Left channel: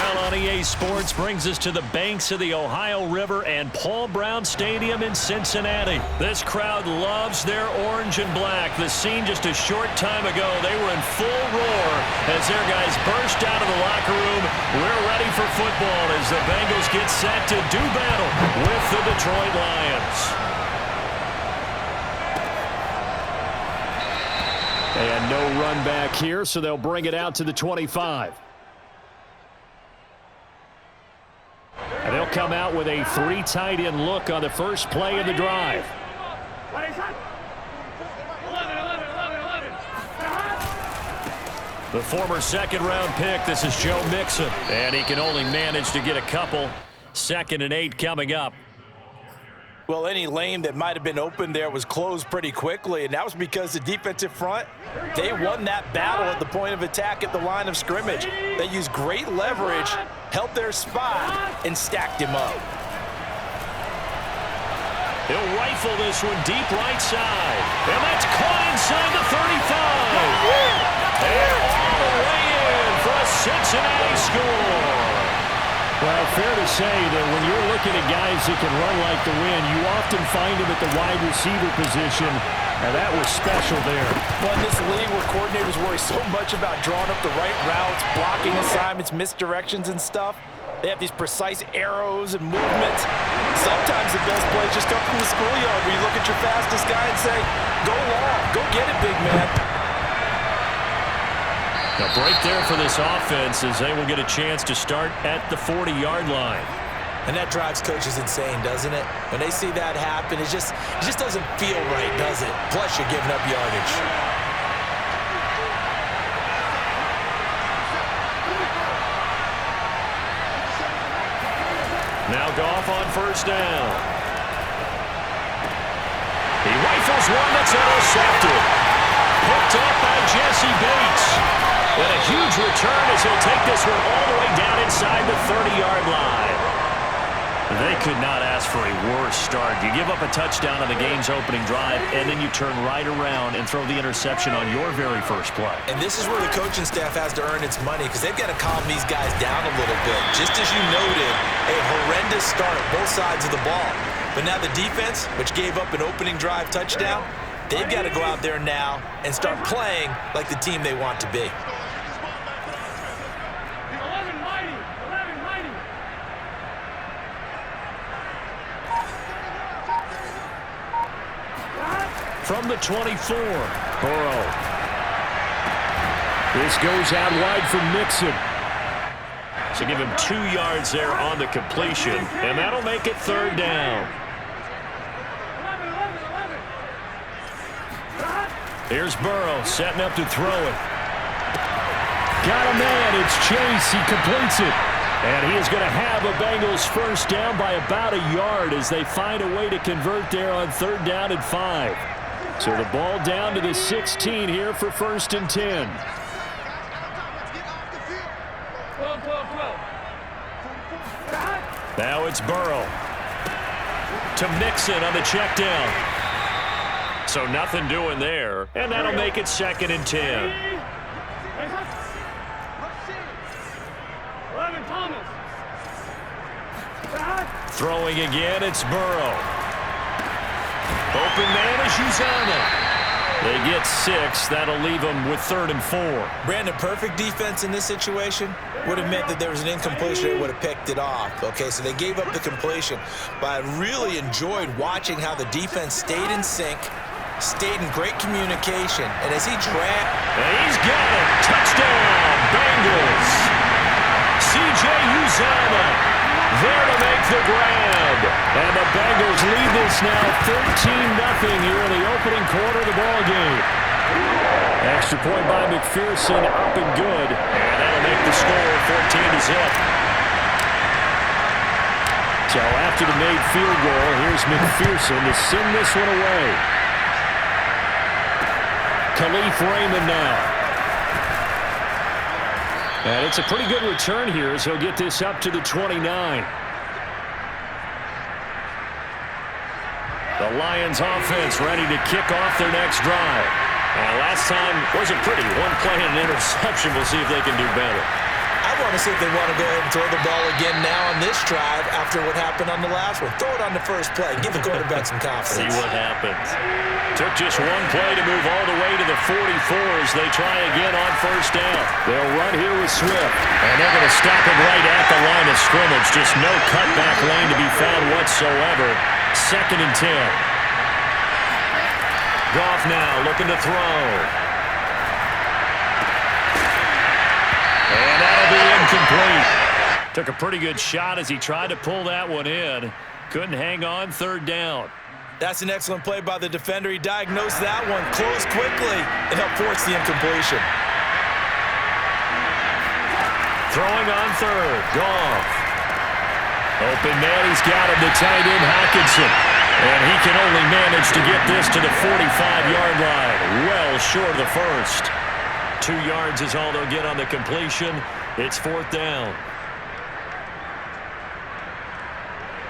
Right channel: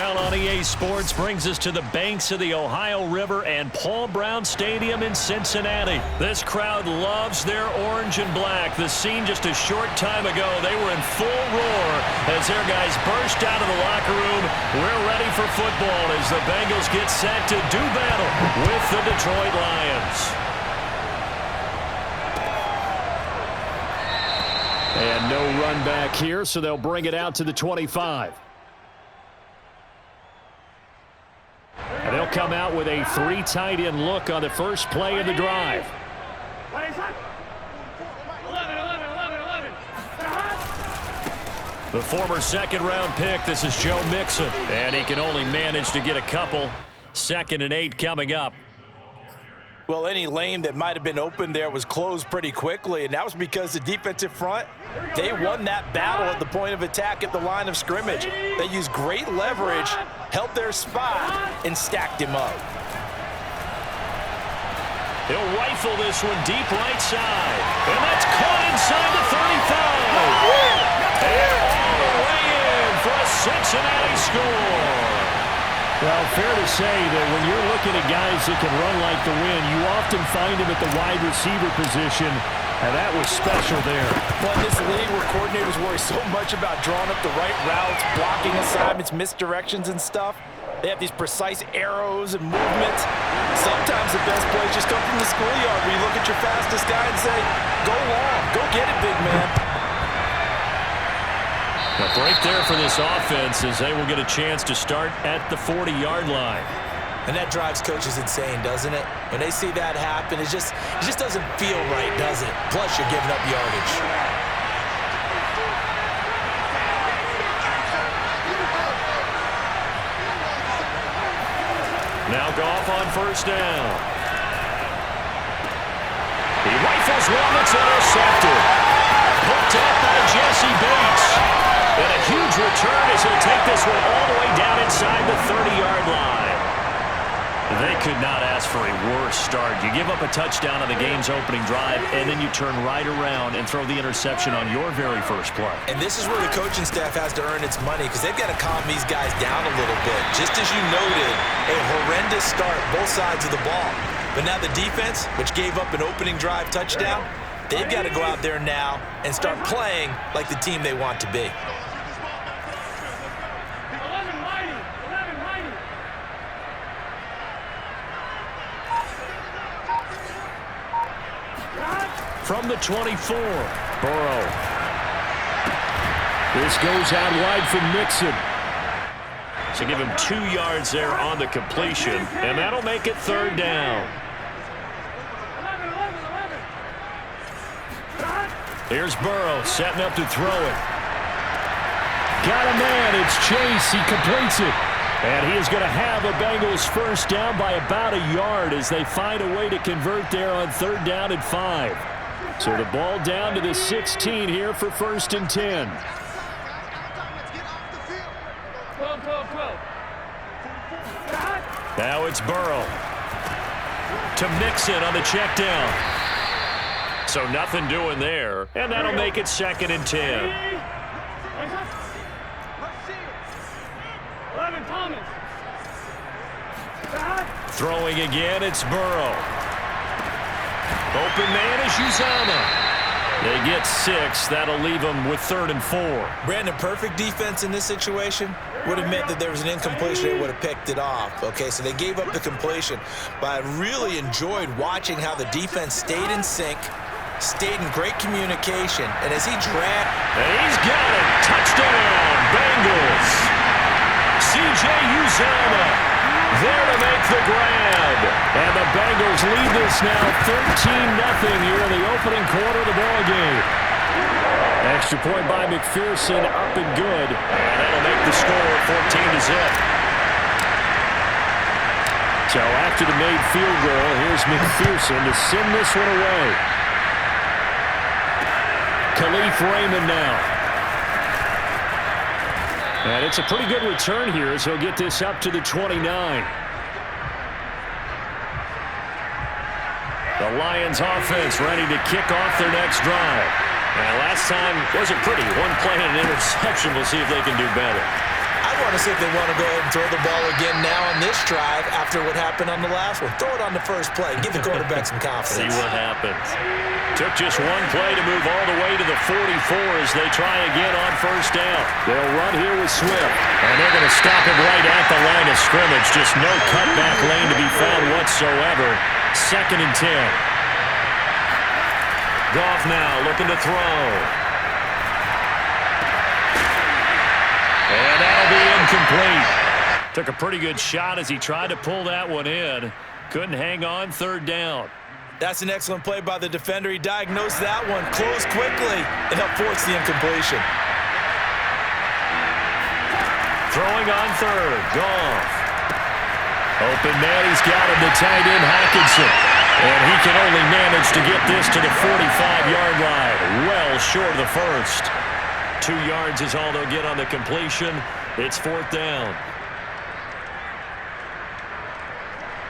NFL on EA Sports brings us to the banks of the Ohio River and Paul Brown Stadium in Cincinnati. This crowd loves their orange and black. The scene just a short time ago, they were in full roar as their guys burst out of the locker room. We're ready for football as the Bengals get set to do battle with the Detroit Lions. And no run back here, so they'll bring it out to the 25. And they'll come out with a 3 tight end look on the first play of the drive. The former second-round pick, this is Joe Mixon. And he can only manage to get a couple. 2nd and 8 coming up. Well, any lane that might have been open there was closed pretty quickly, and that was because the defensive front, they won that battle at the point of attack at the line of scrimmage. They used great leverage, held their spot, and stacked him up. He'll rifle this one deep right side. And that's caught inside the 35. And all the way in for a Cincinnati score. Well, fair to say that when you're looking at guys that can run like the wind, you often find them at the wide receiver position, and that was special there. Well, in this league where coordinators worry so much about drawing up the right routes, blocking assignments, misdirections and stuff, they have these precise arrows and movements. Sometimes the best plays just come from the schoolyard where you look at your fastest guy and say, go long, go get it, big man. A break there for this offense as they will get a chance to start at the 40-yard line. And that drives coaches insane, doesn't it? When they see that happen, it just doesn't feel right, does it? Plus, you're giving up yardage. Now Goff on first down. He rifles one that's intercepted. Picked up by Jesse Bates. And a huge return as he'll take this one all the way down inside the 30-yard line. They could not ask for a worse start. You give up a touchdown on the game's opening drive, and then you turn right around and throw the interception on your very first play. And this is where the coaching staff has to earn its money because they've got to calm these guys down a little bit. Just as you noted, a horrendous start both sides of the ball. But now the defense, which gave up an opening drive touchdown, they've got to go out there now and start playing like the team they want to be. From the 24, Burrow. This goes out wide for Mixon. So give him 2 yards there on the completion, and that'll make it 3rd down. Here's Burrow setting up to throw it. Got a man. It's Chase. He completes it. And he is going to have a Bengals first down by about a yard as they find a way to convert there on 3rd down and 5. So the ball down to the 16 here for 1st and 10. 12. Now it's Burrow to Mixon on the check down. So nothing doing there, and that'll make it 2nd and 10. 11, Thomas. Throwing again, it's Burrow. Open man is Uzama. They get 6. That'll leave them with 3rd and 4. Brandon, perfect defense in this situation would have meant that there was an incompletion. They would have picked it off. Okay, so they gave up the completion. But I really enjoyed watching how the defense stayed in sync, stayed in great communication. And as he dragged... And he's got it. Touchdown, Bengals. C.J. Uzama there to make the grab. And the Bengals lead this now 13-0 here in the opening quarter of the ball game. Extra point by McPherson, up and good. And that'll make the score 14-0. So after the made field goal, here's McPherson to send this one away. Khalif Raymond now. And it's a pretty good return here as he'll get this up to the 29. The Lions offense ready to kick off their next drive. And last time wasn't pretty. One play and an interception. We'll see if they can do better. I want to see if they want to go ahead and throw the ball again now on this drive after what happened on the last one. Throw it on the first play. Give the quarterback some confidence. See what happens. Took just one play to move all the way to the 44 as they try again on first down. They'll run here with Swift. And they're going to stop him right at the line of scrimmage. Just no cutback lane to be found whatsoever. 2nd and 10. Goff now looking to throw. And that'll be incomplete. Took a pretty good shot as he tried to pull that one in. Couldn't hang on 3rd down. That's an excellent play by the defender. He diagnosed that one, closed quickly, and helped force the incompletion. Throwing on 3rd. Goff. Open man, he's got him to tight end Hockenson. And he can only manage to get this to the 45-yard line. Well short of the first. 2 yards is all they'll get on the completion. It's 4th down.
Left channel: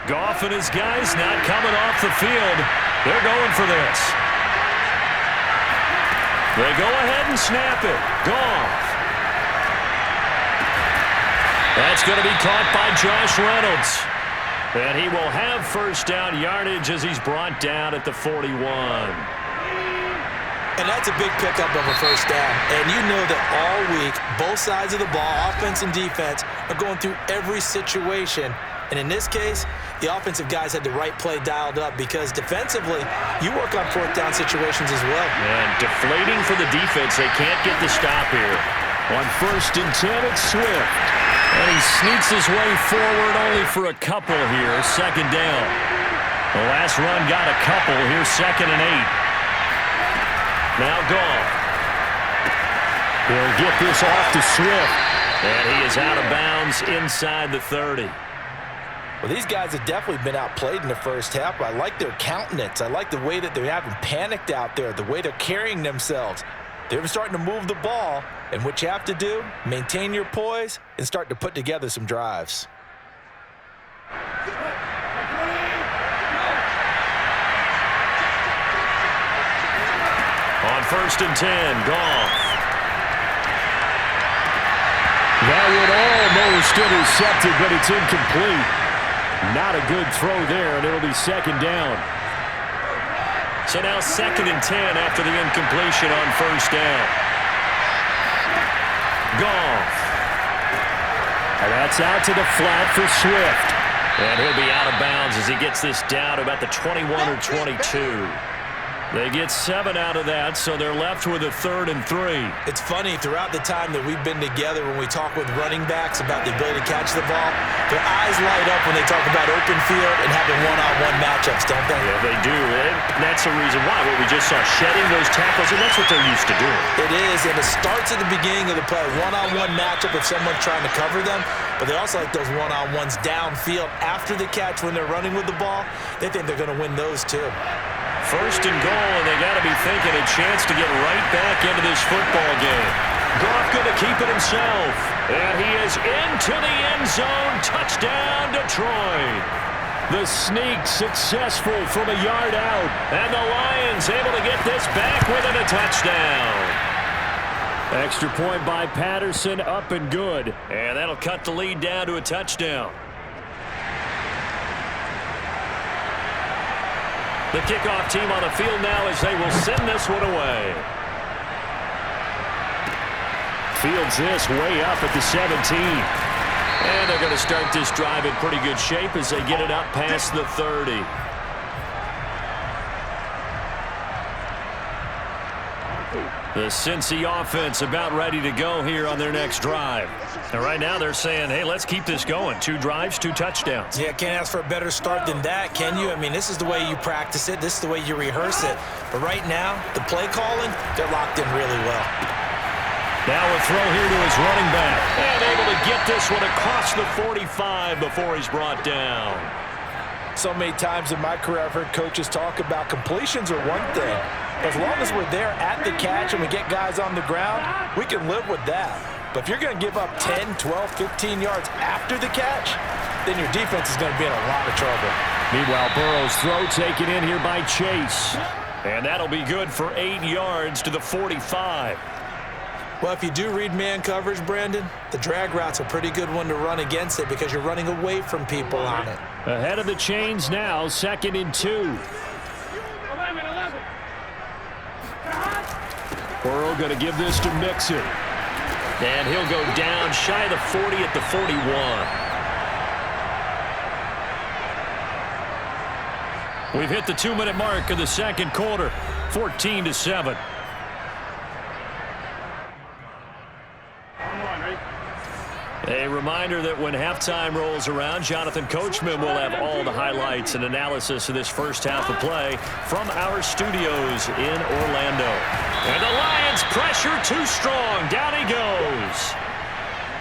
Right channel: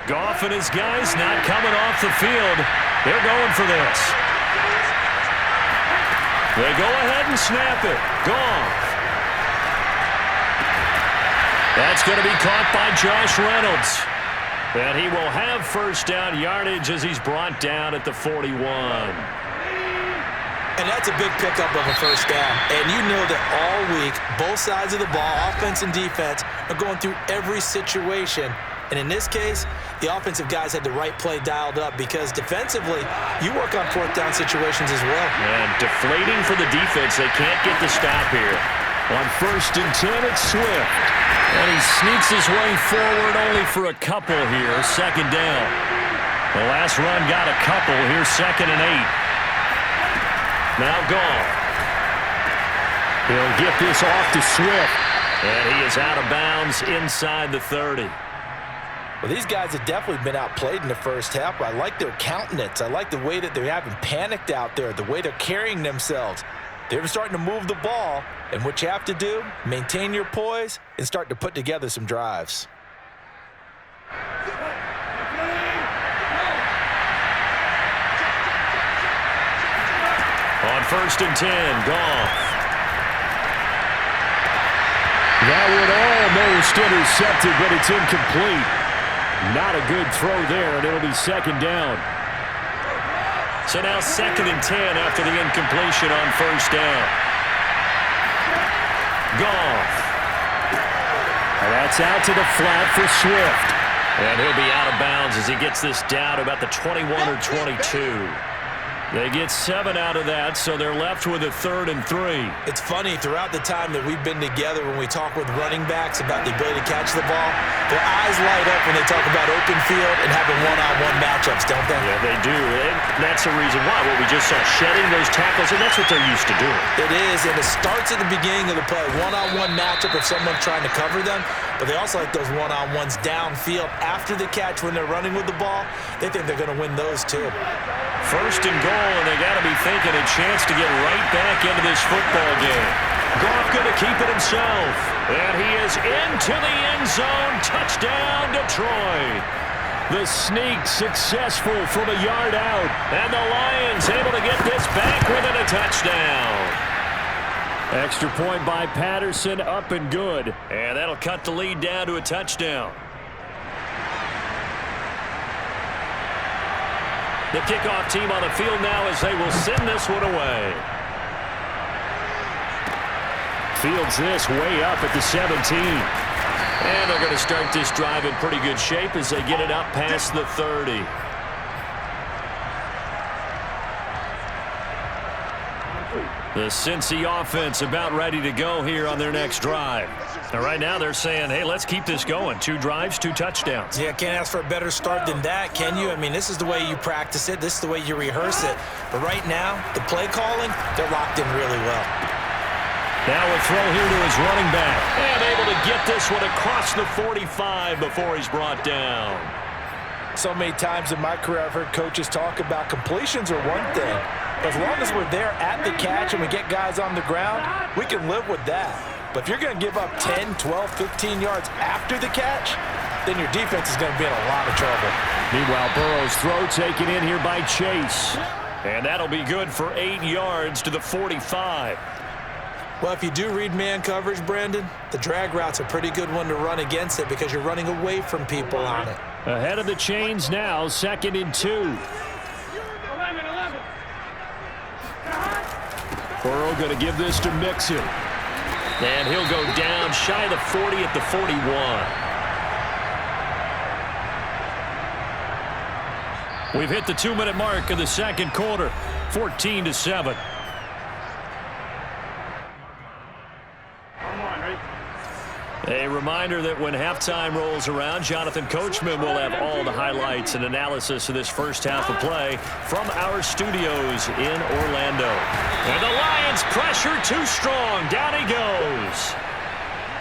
Goff and his guys not coming off the field. They're going for this. They go ahead and snap it. Goff. That's going to be caught by Josh Reynolds. And he will have first down yardage as he's brought down at the 41. And that's a big pickup of a first down. And you know that all week, both sides of the ball, offense and defense, are going through every situation. And in this case, the offensive guys had the right play dialed up because defensively, you work on 4th down situations as well. And deflating for the defense. They can't get the stop here. On 1st and 10, it's Swift. And he sneaks his way forward only for a couple here. 2nd down. The last run got a couple. Here's 2nd and 8. Now Goff. He'll get this off to Swift. And he is out of bounds inside the 30. Well, these guys have definitely been outplayed in the first half. I like their countenance. I like the way that they haven't panicked out there, the way they're carrying themselves. They're starting to move the ball, and what you have to do, maintain your poise and start to put together some drives. On 1st and 10, Goff. That one almost intercepted, but it's incomplete. Not a good throw there, and it'll be 2nd down. So now 2nd and 10 after the incompletion on first down. Goff. And that's out to the flat for Swift. And he'll be out of bounds as he gets this down about the 21 or 22. They get 7 out of that, so they're left with a 3rd and 3. It's funny, throughout the time that we've been together, when we talk with running backs about the ability to catch the ball, their eyes light up when they talk about open field and having one-on-one matchups, don't they? Yeah, they do. And that's the reason why. What we just saw, shedding those tackles, and that's what they're used to doing. It is, and it starts at the beginning of the play. One-on-one matchup if someone's trying to cover them, but they also like those one-on-ones downfield after the catch when they're running with the ball. They think they're going to win those too. 1st and goal, and they got to be thinking a chance to get right back into this football game. Goff going to keep it himself. And he is into the end zone. Touchdown, Detroit. The sneak successful from a yard out. And the Lions able to get this back within a touchdown. Extra point by Patterson, up and good. And that'll cut the lead down to a touchdown. The kickoff team on the field now as they will send this one away. Fields this way up at the 17. And they're going to start this drive in pretty good shape as they get it up past the 30. The Cincy offense about ready to go here on their next drive. And right now they're saying, hey, let's keep this going. 2 drives, 2 touchdowns. Yeah, can't ask for a better start than that, can you? I mean, this is the way you practice it. This is the way you rehearse it. But right now, the play calling, they're locked in really well. Now a throw here to his running back. And able to get this one across the 45 before he's brought down. So many times in my career I've heard coaches talk about completions are one thing. But as long as we're there at the catch and we get guys on the ground, we can live with that. But if you're going to give up 10, 12, 15 yards after the catch, then your defense is going to be in a lot of trouble. Meanwhile, Burrow's throw taken in here by Chase. And that'll be good for 8 yards to the 45. Well, if you do read man coverage, Brandon, the drag route's a pretty good one to run against it because you're running away from people on it. Ahead of the chains now, 2nd and 2. Burrow going to give this to Mixon. And he'll go down shy of the 40 at the 41. We've hit the 2-minute mark of the second quarter, 14-7. A reminder that when halftime rolls around, Jonathan Coachman will have all the highlights and analysis of this first half of play from our studios in Orlando. And the Lions pressure too strong. Down he goes.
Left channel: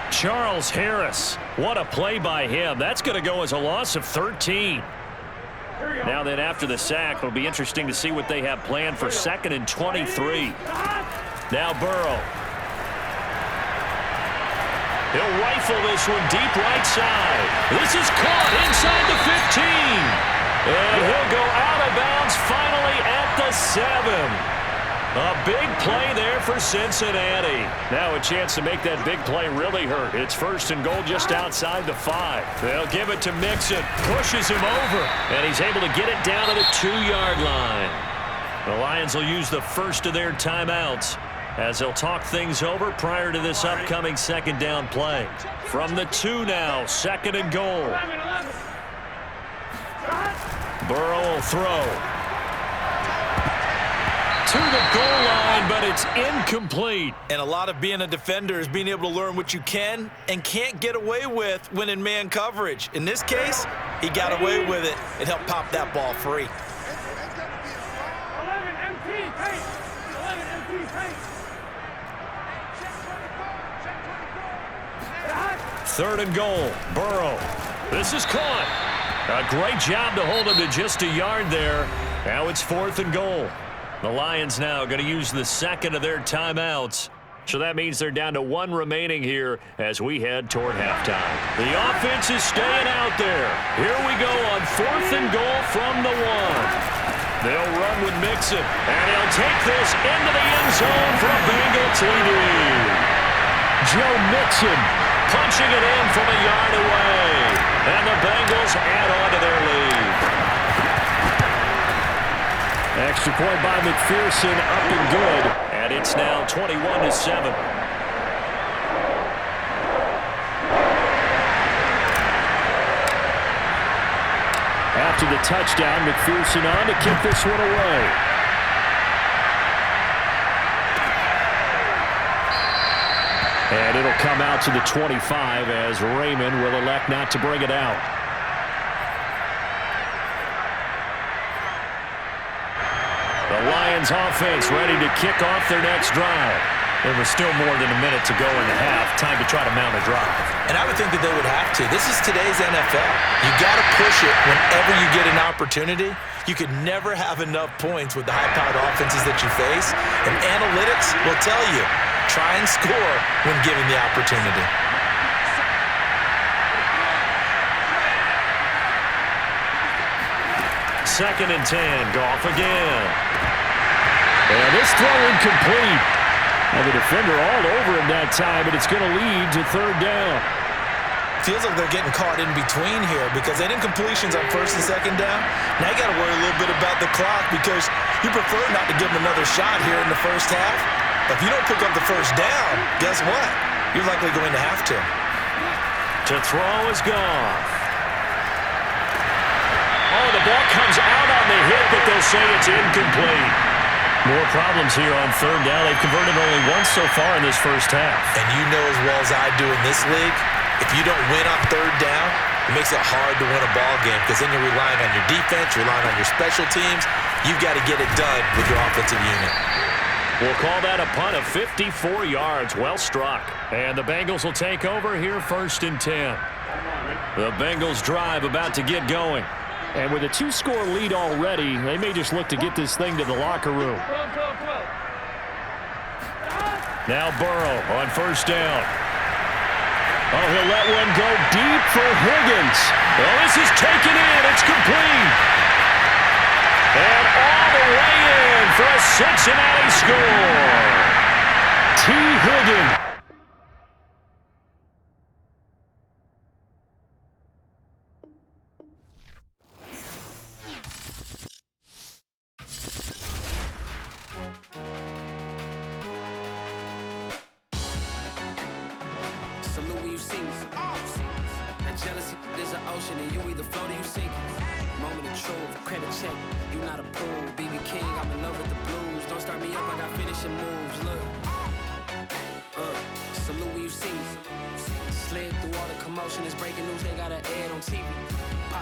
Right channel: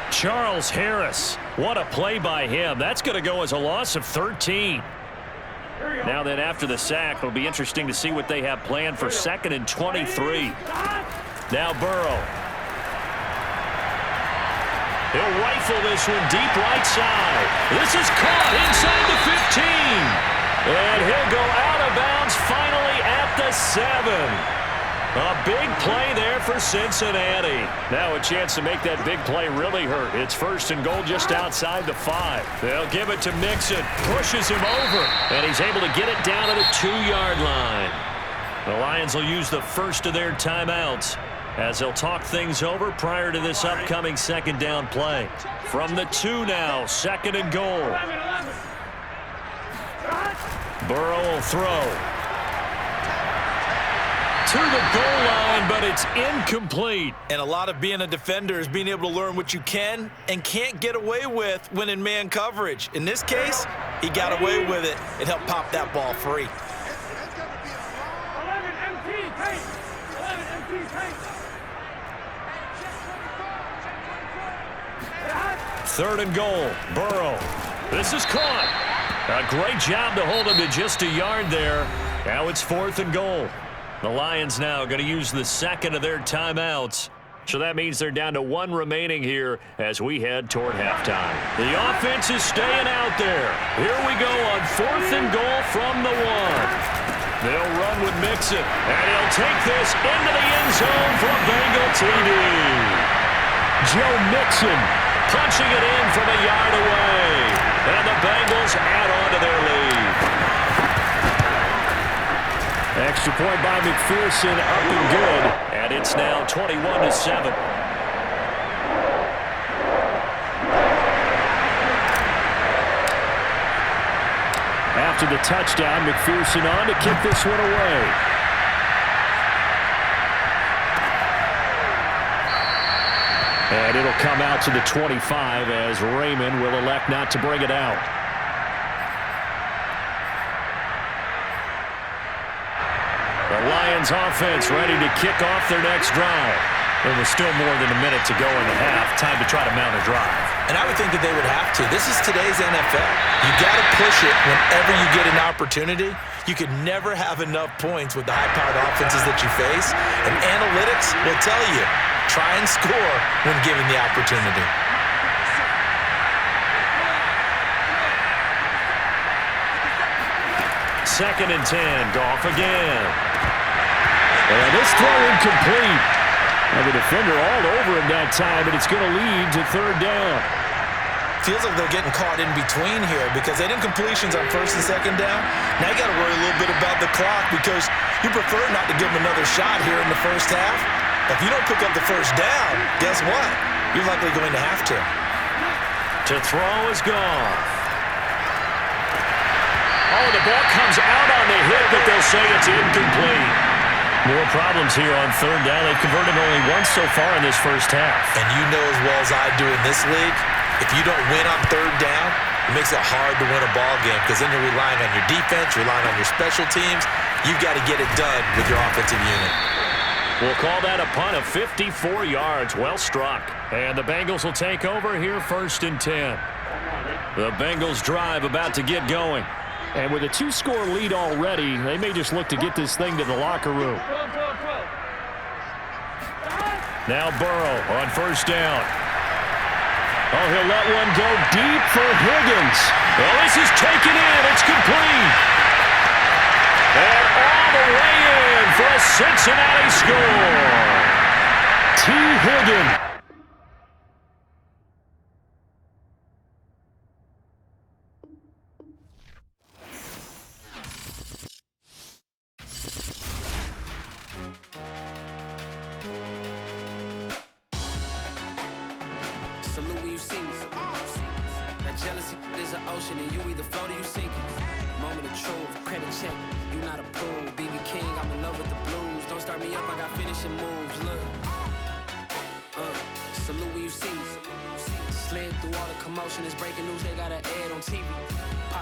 Charles Harris. What a play by him. That's going to go as a loss of 13. Now then, after the sack, it'll be interesting to see what they have planned for 2nd and 23. Now Burrow. He'll rifle this one deep right side. This is caught inside the 15. And he'll go out of bounds finally at the 7. A big play there for Cincinnati. Now a chance to make that big play really hurt. It's 1st and goal just outside the 5. They'll give it to Mixon. Pushes him over. And he's able to get it down to the 2-yard line. The Lions will use the first of their timeouts as they'll talk things over prior to this upcoming 2nd down play. From the 2 now, 2nd and goal. Burrow will throw. To the goal line, but it's incomplete. And a lot of being a defender is being able to learn what you can and can't get away with when in man coverage. In this case, he got away with it and helped pop that ball free. 11 MT, paint. 11 MT, paint. 3rd and goal. Burrow. This is caught. A great job to hold him to just a yard there. Now it's 4th and goal. The Lions now going to use the 2nd of their timeouts. So that means they're down to 1 remaining here as we head toward halftime. The offense is staying out there. Here we go on 4th and goal from the 1. They'll run with Mixon, and he'll take this into the end zone for a Bengal TD. Joe Mixon punching it in from a yard away. And the Bengals add on to their lead. Extra point by McPherson, up and good. And it's now 21-7. After the touchdown, McPherson on to kick this one away. And it'll come out to the 25 as Raymond will elect not to bring it out. The Lions offense ready to kick off their next drive. It was still more than a minute to go in the half. Time to try to mount a drive. And I would think that they would have to. This is today's NFL. You got to push it whenever you get an opportunity. You could never have enough points with the high-powered offenses that you face. And analytics will tell you, try and score when given the opportunity. Second and 10. Goff again. And this throw incomplete. And the defender all over him that time, and it's going to lead to 3rd down. Feels like they're getting caught in between here because they didn't completions on 1st and 2nd down. Now you got to worry a little bit about the clock because you prefer not to give them another shot here in the first half. If you don't pick up the 1st down, guess what? You're likely going to have to. To throw is Goff. Oh, the ball comes out on the hit, but they'll say it's incomplete. More problems here on 3rd down. They've converted only once so far in this first half. And you know as well as I do in this league, if you don't win on 3rd down, it makes it hard to win a ball game because then you're relying on your defense, you're relying on your special teams. You've got to get it done with your offensive unit. We'll call that a punt of 54 yards. Well struck. And the Bengals will take over here 1st and 10. The Bengals drive about to get going. And with a 2-score lead already, they may just look to get this thing to the locker room. Now Burrow on 1st down. Oh, he'll let one go deep for Higgins. Oh, this is taken in. It's complete. And all the way in for a Cincinnati score. T. Higgin. Salute when you see me. That jealousy is an ocean, and you either float or you sink it. Moment of truth, credit check, you not approved. BB King, I'm in love with the blues. Don't start me up, I got finishing moves. Look, salute when you see me. Slid through all the commotion, it's breaking news, they got an ad on TV.